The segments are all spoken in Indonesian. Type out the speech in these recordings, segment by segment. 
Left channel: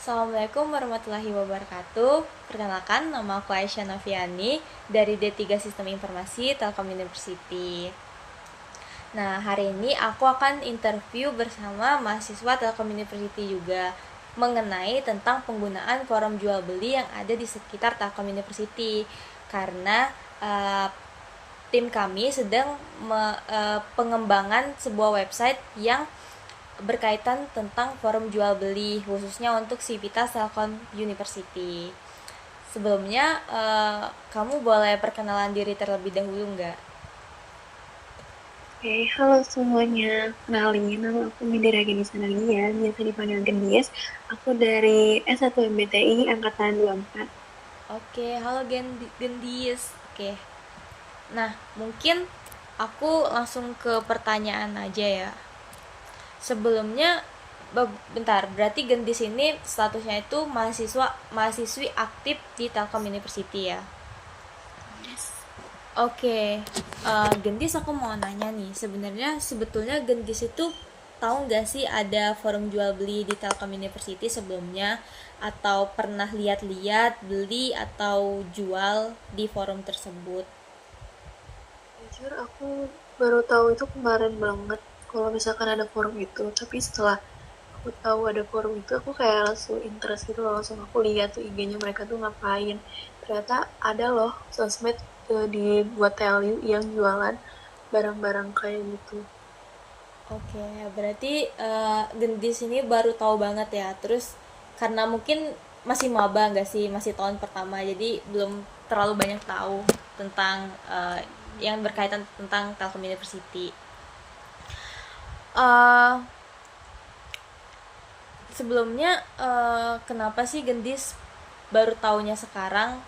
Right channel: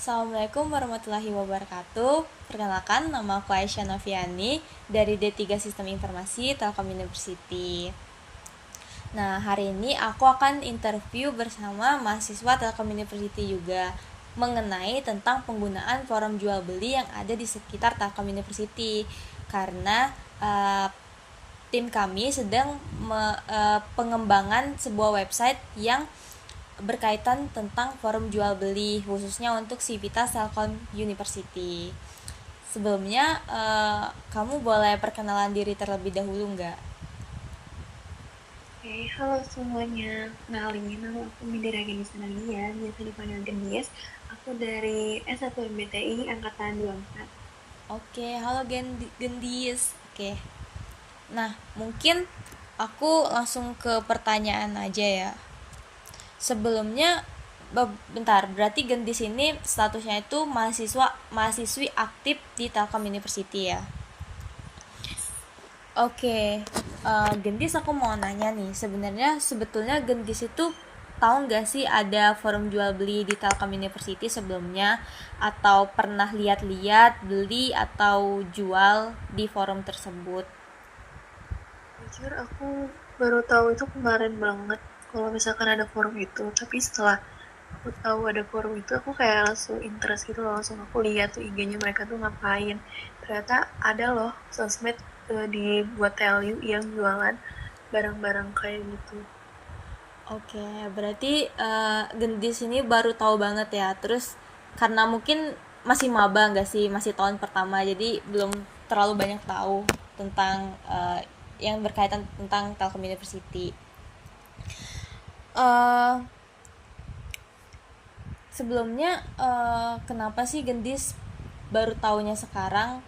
Assalamualaikum warahmatullahi wabarakatuh. Perkenalkan, nama aku Aisyah Noviani dari D3 Sistem Informasi Telkom University. Nah, hari ini aku akan interview bersama mahasiswa Telkom University juga mengenai tentang penggunaan forum jual beli yang ada di sekitar Telkom University. Karena tim kami sedang pengembangan sebuah website yang berkaitan tentang forum jual beli khususnya untuk Civitas Telkom University. Sebelumnya kamu boleh perkenalan diri terlebih dahulu nggak? Oke, halo semuanya. Kenalin, nama aku Mindira Geni Sanalia, biasa dipanggil Gendis. Aku dari S1 MBTI Angkatan 24. Oke, halo Gendis. Oke. Nah, mungkin aku langsung ke pertanyaan aja ya. Sebelumnya bentar, berarti Gendis ini statusnya itu mahasiswi aktif di Telkom University ya. Oke, Gendis aku mau nanya nih, sebetulnya Gendis itu tahu nggak sih ada forum jual beli di Telkom University sebelumnya, atau pernah lihat-lihat beli atau jual di forum tersebut? Jujur, aku baru tahu itu kemarin banget kalau misalkan ada forum itu. Tapi setelah aku tahu ada forum itu, aku kayak langsung interest gitu, langsung aku lihat tuh IG-nya mereka tuh ngapain. Ternyata ada loh sosmed dibuat TLU yang jualan barang-barang kayak gitu. Oke, berarti Gendis ini baru tahu banget ya. Terus karena mungkin masih maba nggak sih, masih tahun pertama, jadi belum terlalu banyak tahu tentang yang berkaitan tentang Telkom University. eh Sebelumnya kenapa sih Gendis baru taunya sekarang?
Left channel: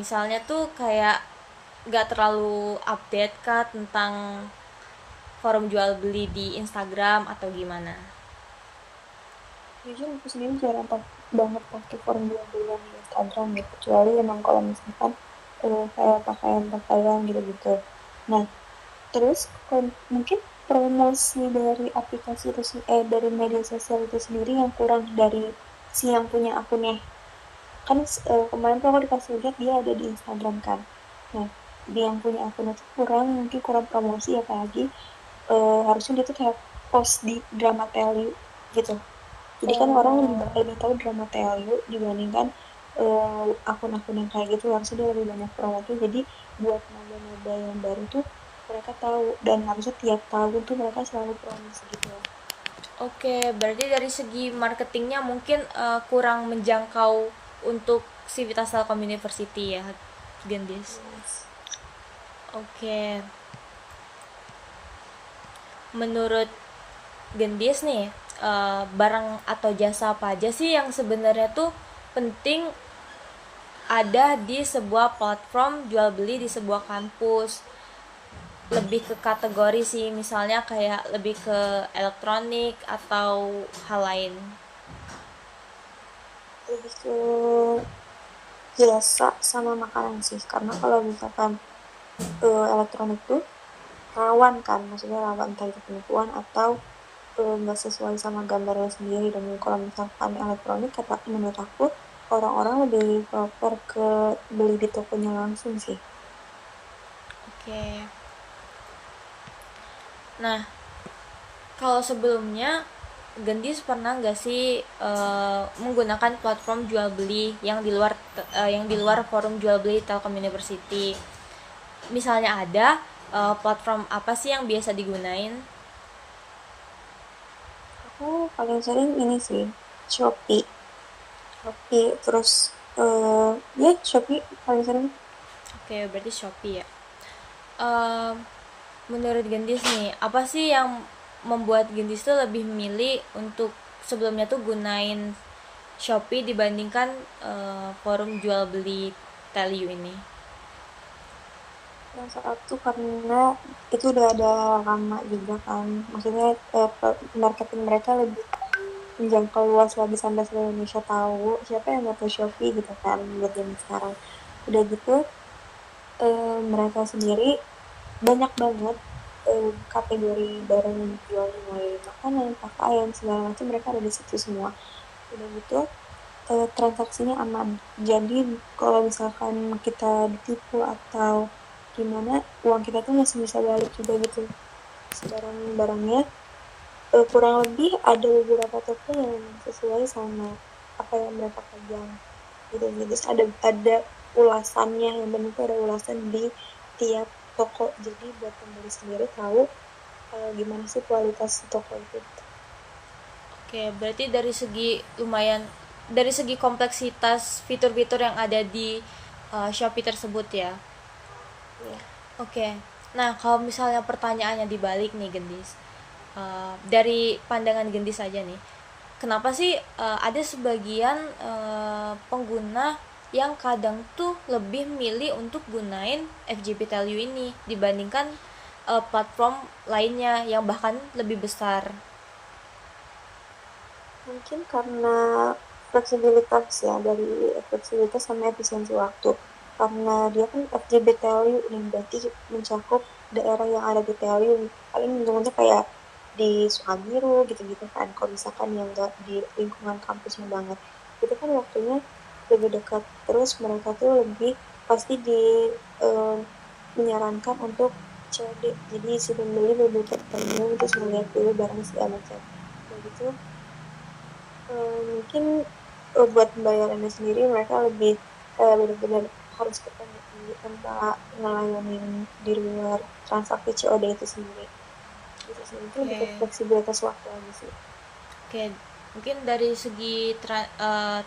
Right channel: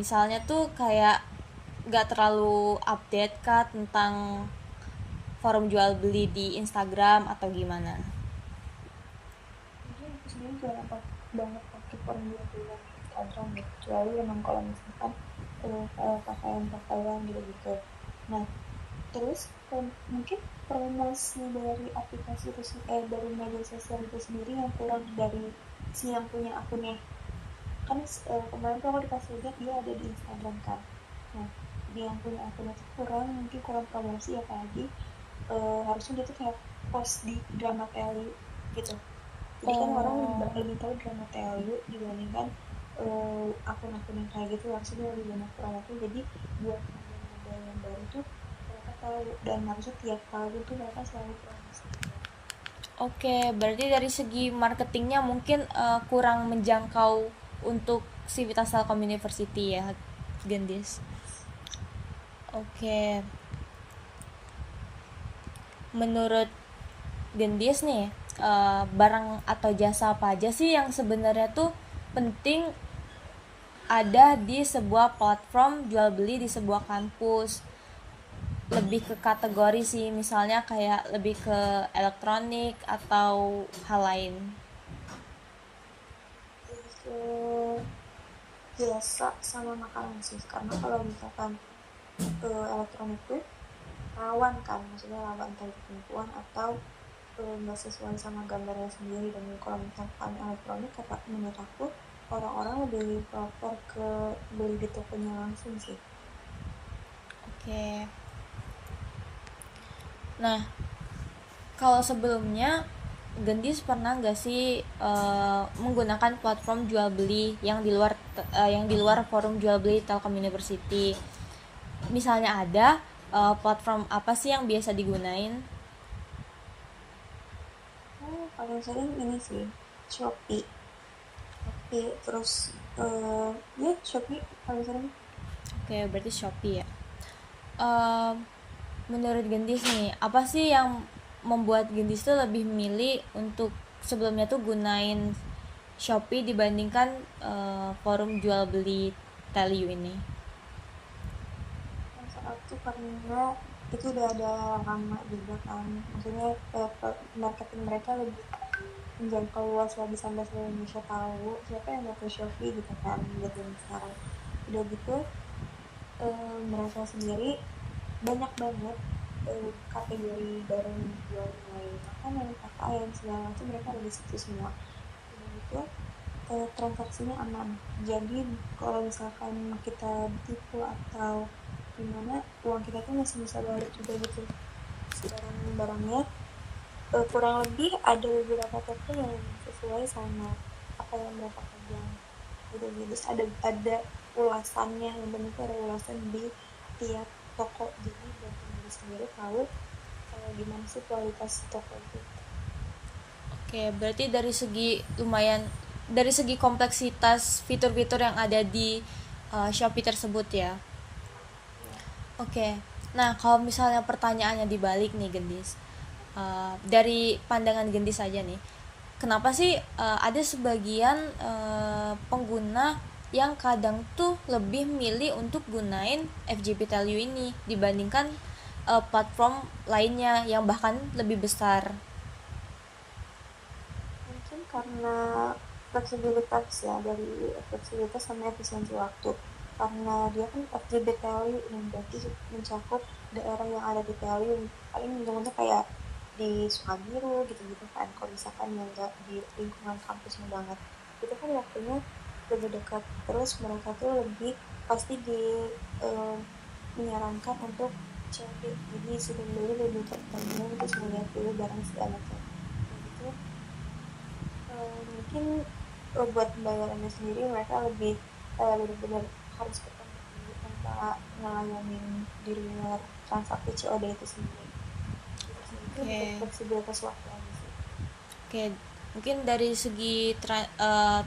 Misalnya tuh kayak nggak terlalu update kah tentang forum jual beli di Instagram atau gimana? Jujur aku sendiri jarang banget pakai forum jual-jualan di Instagram gitu, kecuali emang kalau misalkan kayak pakaian-pakaian gitu-gitu. Nah, terus mungkin promosi dari aplikasi itu dari media sosial itu sendiri yang kurang dari si yang punya akunnya. Kan kemarin tuh aku dikasih lihat dia ada di Instagram kan. Nah, dia yang punya akun itu mungkin kurang promosi, apalagi harusnya dia tuh kayak post di drama Telly gitu. Jadi kan orang Oh, lebih tahu drama TLU dibandingkan akun-akun yang kayak gitu, harusnya dia lebih banyak promosi. Jadi buat maba-maba yang baru tuh mereka tahu, dan harusnya tiap tahun tuh mereka selalu promosi gitu. oke, berarti dari segi marketingnya mungkin kurang menjangkau untuk Civitas Telkom University ya, Gendis. Yes. Oke, menurut Gendis nih, barang atau jasa apa aja sih yang sebenarnya tuh penting ada di sebuah platform jual beli di sebuah kampus? Lebih ke kategori sih, misalnya kayak lebih ke elektronik atau hal lain. Lebih ke jasa sama makanan sih, karena kalau misalkan elektronik tuh rawan kan, maksudnya rawan entah itu penipuan atau nggak sesuai sama gambarnya sendiri. Dan kalau misalkan elektronik, kata menurut aku orang-orang lebih prefer ke beli di tokonya langsung sih. Oke. Nah, kalau sebelumnya Gendis pernah nggak sih menggunakan platform jual beli yang di luar forum jual beli Telkom University? Misalnya ada platform apa sih yang biasa digunain? Aku paling sering ini sih, Shopee. Shopee terus ya Shopee paling sering. Oke, berarti Shopee ya. Eh, Menurut Gendis nih, apa sih yang membuat Gendis tuh lebih milih untuk sebelumnya tuh gunain Shopee dibandingkan forum jual beli Teliu ini? Yang satu karena itu udah ada lama juga kan, maksudnya marketing mereka lebih menjangkau luas lagi sampai seluruh Indonesia tahu siapa yang nggak tahu Shopee gitu kan buat zaman sekarang. Udah gitu mereka sendiri banyak banget kategori barang yang dijual, mulai makanan, pakaian, segala macam mereka ada di situ semua. Udah gitu transaksinya aman. Jadi kalau misalkan kita ditipu atau gimana, uang kita tuh masih bisa balik juga gitu. Barang-barangnya kurang lebih ada beberapa toko yang memang sesuai sama apa yang mereka pegang gitu gitu. Terus ada ulasannya, yang benar tuh ada ulasan di tiap toko. Jadi buat pembeli sendiri tahu gimana sih kualitas toko itu. Oke, berarti dari segi lumayan, dari segi kompleksitas fitur-fitur yang ada di Shopee tersebut ya. Ya. Oke, nah kalau misalnya pertanyaannya dibalik nih Gendis, dari pandangan Gendis aja nih, kenapa sih ada sebagian pengguna yang kadang tuh lebih milih untuk gunain FJB Value ini dibandingkan platform lainnya yang bahkan lebih besar? Mungkin karena fleksibilitas ya, dari fleksibilitas sama efisiensi waktu. Karena dia kan FJB Value ini berarti mencakup daerah yang ada di Value. Paling ujung-ujungnya kayak di Sukabiru gitu-gitu kan. Kalau misalkan yang nggak di lingkungan kampusnya banget, itu kan waktunya lebih dekat. Terus mereka tuh lebih pasti eh, menyarankan untuk COD. Jadi si pembeli lebih terpenuh terus melihat dulu barang segala macam. Kayak gitu. Mungkin buat pembayarannya sendiri mereka lebih benar-benar harus ketemu dulu tanpa ngelayanin di luar transaksi COD itu sendiri. Itu sih mungkin lebih ke Oke. fleksibilitas waktu aja sih. Oke, mungkin dari segi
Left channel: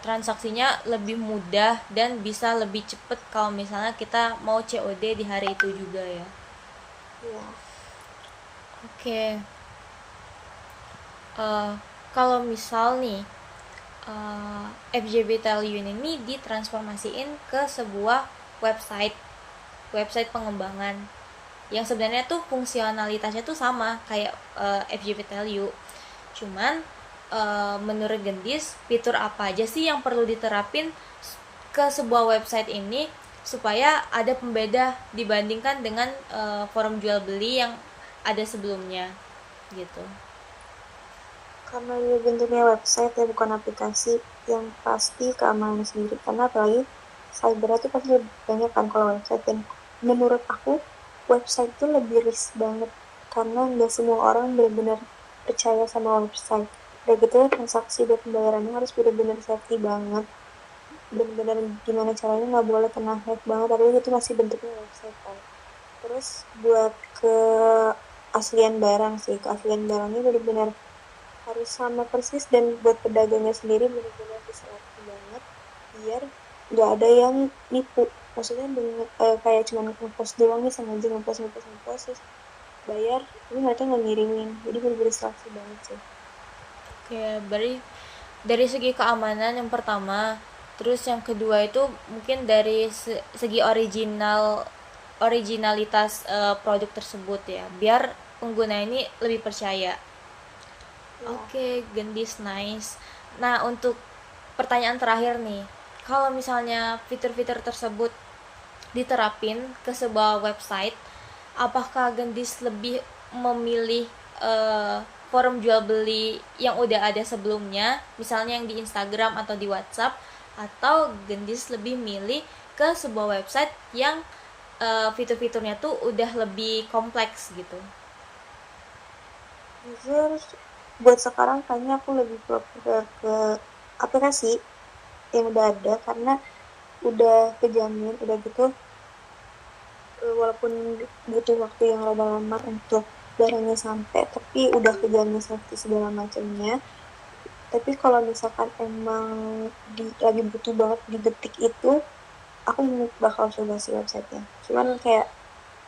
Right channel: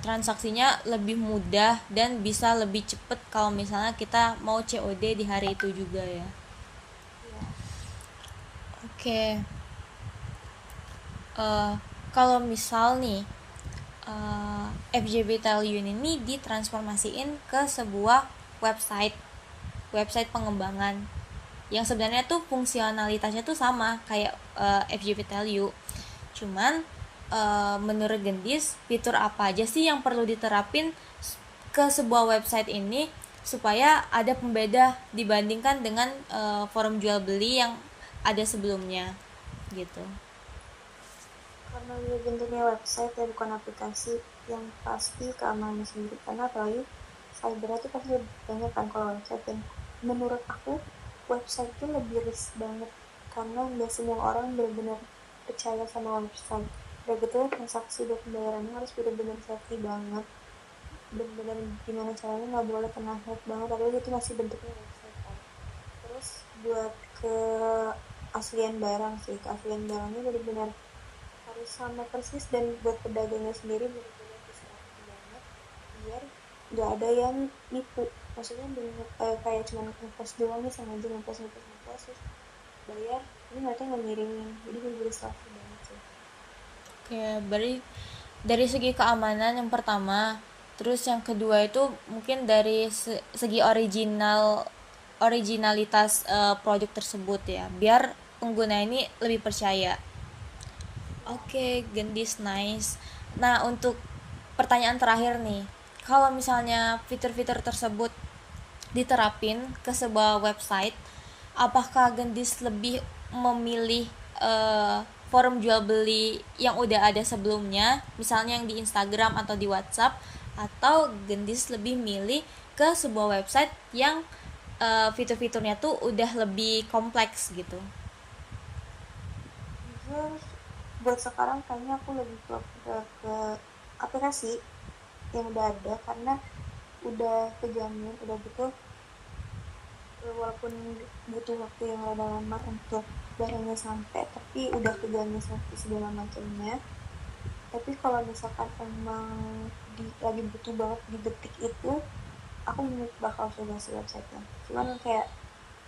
transaksinya lebih mudah dan bisa lebih cepet kalau misalnya kita mau COD di hari itu juga ya. Iya. Oke, eh, kalau misal nih FJB Value ini ditransformasiin ke sebuah website website pengembangan yang sebenarnya tuh fungsionalitasnya tuh sama kayak FJB Value, cuman menurut Gendis fitur apa aja sih yang perlu diterapin ke sebuah website ini supaya ada pembeda dibandingkan dengan forum jual beli yang ada sebelumnya gitu. Karena dia bentuknya website ya bukan aplikasi, yang pasti keamanan sendiri. Karena apalagi cyber itu pasti lebih banyak kan kalau website. Dan menurut aku website itu lebih risk banget karena nggak semua orang benar-benar percaya sama website. Dan gitu transaksi dan pembayarannya harus benar-benar safety banget. Benar-benar gimana caranya nggak boleh kena hack banget. Tapi itu masih bentuknya website kan. Terus buat keaslian barang sih, keaslian barangnya benar-benar harus sama persis. Dan buat pedagangnya sendiri benar-benar diserati banget biar nggak ada yang nipu. Maksudnya dengan kayak cuma ngepost doang nih, sengaja ngepost terus bayar ini mereka nggak ngirimin. Jadi benar-benar diserati banget sih. Oke, dari segi keamanan yang pertama, terus yang kedua itu mungkin dari segi originalitas produk tersebut ya, biar pengguna ini lebih percaya. Ya. Oke, Gendis nice. Nah, untuk pertanyaan terakhir nih, kalau misalnya fitur-fitur tersebut diterapin ke sebuah website, apakah Gendis lebih memilih forum jual beli yang udah ada sebelumnya, misalnya yang di Instagram atau di WhatsApp, atau Gendis lebih milih ke sebuah website yang fitur-fiturnya tuh udah lebih kompleks gitu? Jujur buat sekarang kayaknya aku lebih prefer ke aplikasi yang udah ada karena udah kejamin. Udah gitu walaupun butuh waktu yang lama-lama untuk barangnya sampai, tapi udah kejamin safety segala macamnya. Tapi kalau misalkan emang lagi butuh banget di detik itu, aku bakal coba si websitenya. Cuman kayak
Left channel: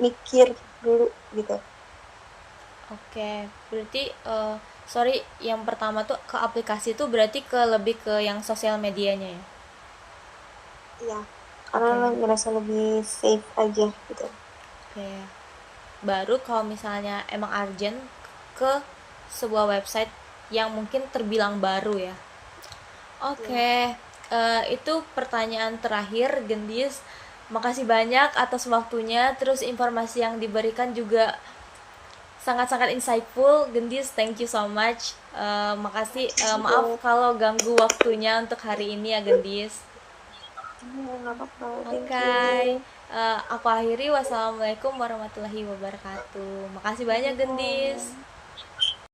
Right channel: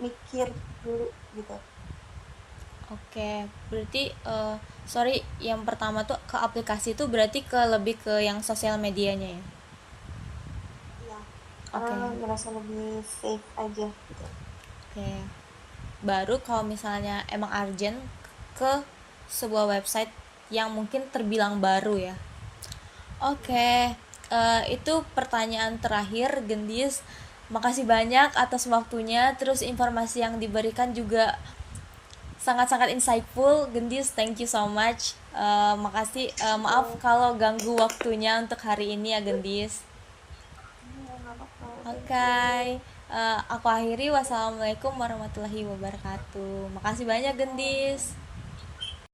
mikir dulu gitu. Oke, berarti sorry, yang pertama tuh ke aplikasi tuh berarti ke lebih ke yang sosial medianya ya. Iya, karena Oke. ngerasa lebih safe aja gitu. Oke. Baru kalau misalnya emang urgent ke sebuah website yang mungkin terbilang baru ya. Iya. Oke, itu pertanyaan terakhir, Gendis. Makasih banyak atas waktunya, terus informasi yang diberikan juga sangat-sangat insightful. Gendis, thank you so much. Makasih, maaf Oke. kalau ganggu waktunya untuk hari ini ya Gendis. Nggak apa-apa, thank Oke, you. aku akhiri. Wassalamualaikum warahmatullahi wabarakatuh. Makasih banyak Gendis.